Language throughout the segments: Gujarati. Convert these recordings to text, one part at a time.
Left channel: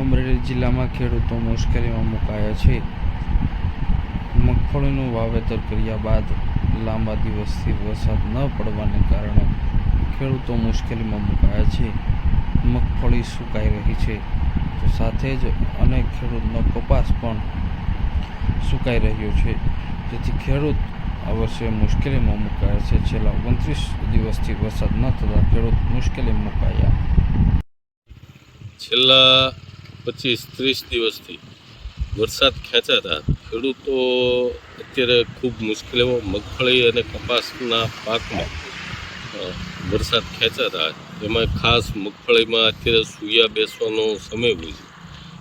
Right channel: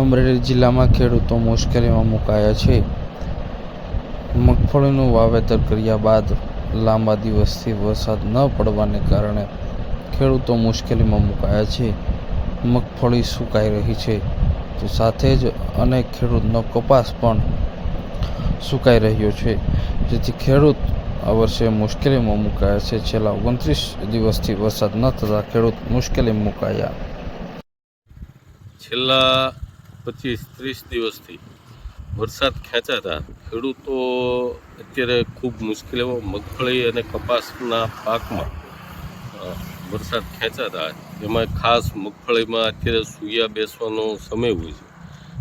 અમરેલી જિલ્લામાં ખેડૂતો મુશ્કેલીમાં મુકાયા છે. મગફળીનું વાવેતર કર્યા બાદ લાંબા દિવસથી વરસાદ ન પડવાને કારણે ખેડૂતો મુશ્કેલીમાં મુકાયા છે. મગફળી સુકાઈ રહી છે, તો સાથે જ અનેક ખેડૂતનો કપાસ પણ સુકાઈ રહ્યો છે, જેથી ખેડૂત આ વર્ષે મુશ્કેલીમાં મુકાયા છે. છેલ્લા 29 દિવસથી વરસાદ ન થતાં ખેડૂત મુશ્કેલીમાં મુકાયા. છેલ્લા 25-30 દિવસથી વરસાદ ખેંચાતા ખેડૂતો અત્યારે ખૂબ મુશ્કેલીમાં મગફળી અને કપાસના પાકમાં વરસાદ ખેંચાતા, એમાં ખાસ મગફળીમાં અત્યારે સૂયા બેસવાનો સમય હોય છે,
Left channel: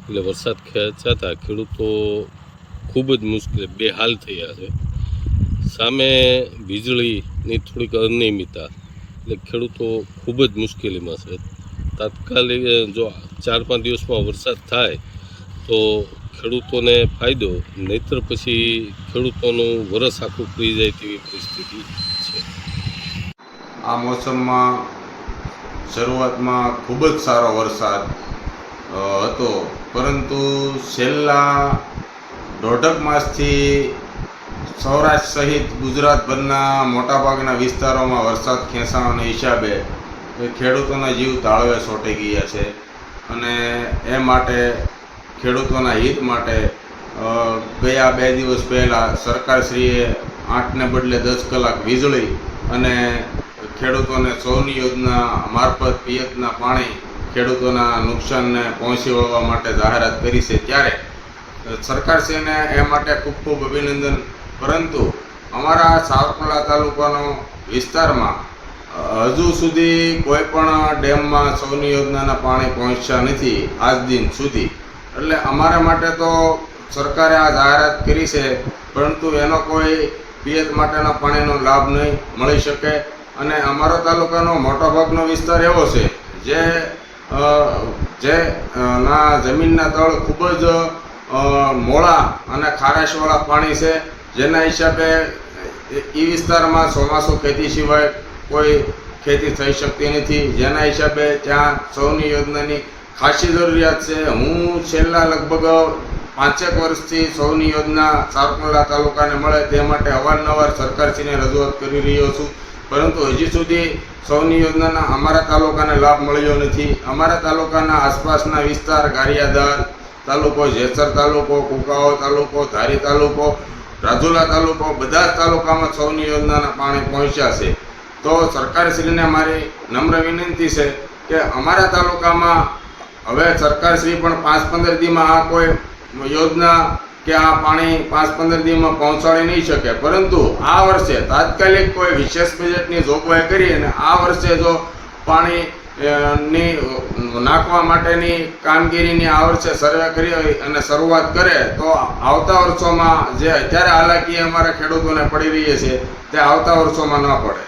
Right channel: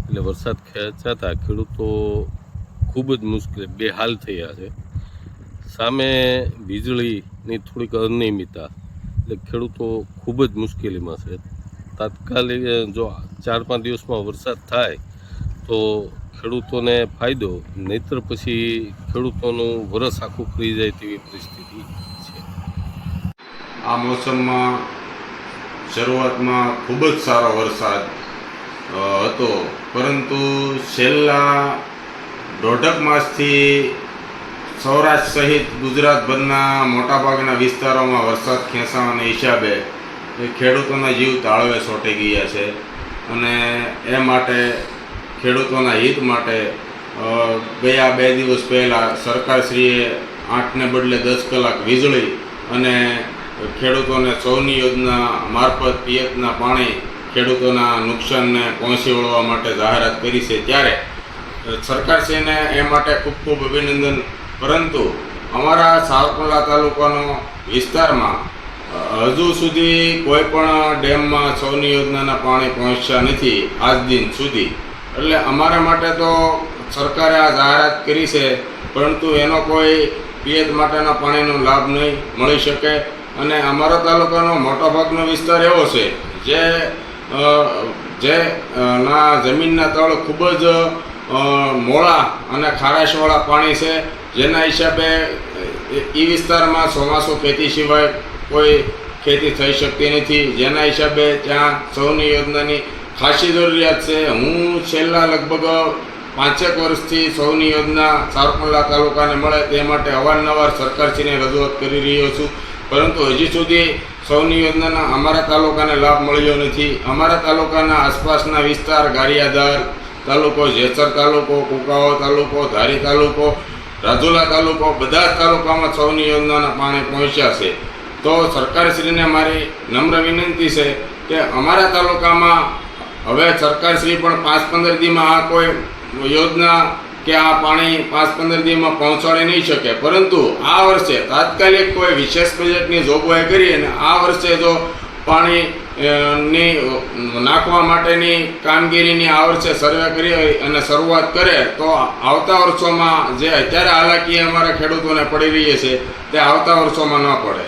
એટલે વરસાદ ખેંચાતા ખેડૂતો ખૂબ જ મુશ્કેલ બેહાલ થયા છે. સામે વીજળીની થોડીક અનિયમિતતા, એટલે ખેડૂતો ખૂબ જ મુશ્કેલીમાં છે. તાત્કાલિક જો 4-5 દિવસમાં વરસાદ થાય તો ખેડૂતોને ફાયદો, નહીતર પછી ખેડૂતોનું વરસ આખું કરી જાય તેવી પરિસ્થિતિ છે. આ મોસમમાં શરૂઆતમાં ખૂબ જ સારો વરસાદ હતો, પરંતુ છેલ્લા દોઢક માસથી સૌરાષ્ટ્ર સહિત ગુજરાતભરના મોટાભાગના વિસ્તારોમાં વરસાદ ખેંચાવાના હિસાબે ખેડૂતોના જીવ તાળવે ચોંટી ગયા છે. અને એ માટે ખેડૂતોના હિત માટે ગયા 2 દિવસ પહેલાં સરકારશ્રીએ 8ને બદલે 10 કલાક વીજળી અને ખેડૂતોને સૌની યોજના મારફત પિયતના પાણી ખેડૂતોના નુકસાનને પહોંચી વળવા માટે જાહેરાત કરી છે. ત્યારે સરકારશ્રીને એ માટે ખૂબ ખૂબ અભિનંદન. પરંતુ અમારા સાવરકુંડલા તાલુકાનો વિસ્તારમાં હજુ સુધી કોઈ પણ ડેમમાં સૌની યોજનાના પાણી પહોંચ્યા નથી આજ દિન સુધી. એટલે અમારા માટે તો સરકારે આ જાહેરાત કરી છે, પરંતુ એનો કોઈ પિયત માટેના પાણીનો લાભ નહીં મળી શકે. અને અમારા તાલુકાનો મોટાભાગનો વિસ્તાર એવો છે જે જમીનના તળ ખૂબ જ મોળા અને ખારાશવાળા પાણી છે, જેના હિસાબે એ વિસ્તારમાં ચોમાસું ખેતી સિવાય કોઈ ખેતી થઈ શકતી નથી, જેના હિસાબે ત્યાં સૌની યોજનાની ખાસી જરૂરિયાત છે. હું છેલ્લા લગભગ 5 વર્ષથી સૌની યોજના સાવરકુંડલા તાલુકાને મળે તે માટે અવારનવાર સરકારશ્રીને રજૂઆત કરી રહ્યો છું, પરંતુ હજી સુધી સૌની યોજનાના અમારા તાલુકાને લાભ મળ્યો નથી. અમારા તાલુકાના આસપાસના વિસ્તાર ગારિયાધાર તાલુકો, જેસર તાલુકો, કુંકાવાવ તાલુકો, ધારી તાલુકો, રાજુલા તાલુકો, બધા જ તાલુકામાં સૌની યોજનાના પાણી પહોંચ્યા છે. તો સરકારશ્રીને મારી નમ્ર વિનંતી છે કે અમારા તાલુકામાં હવે સરકારશ્રી પણ 5-15 દીમાં આ કોઈ યોજના કે આ પાણી 5-15 દીમાં પહોંચાડી નહીં શકે, પરંતુ આ વર્ષે તાત્કાલિક કોઈ વિશેષ બજેટની જોગવાઈ કરી અને આ વર્ષે જો પાણી ની નાખવા માટેની કામગીરીની આ વર્ષે સર્વે કરી અને શરૂઆત કરે તો આવતા વર્ષોમાં જે અત્યારે હાલાકી અમારા ખેડૂતોને પડી રહી છે તે આવતા વર્ષોમાં ન પડે.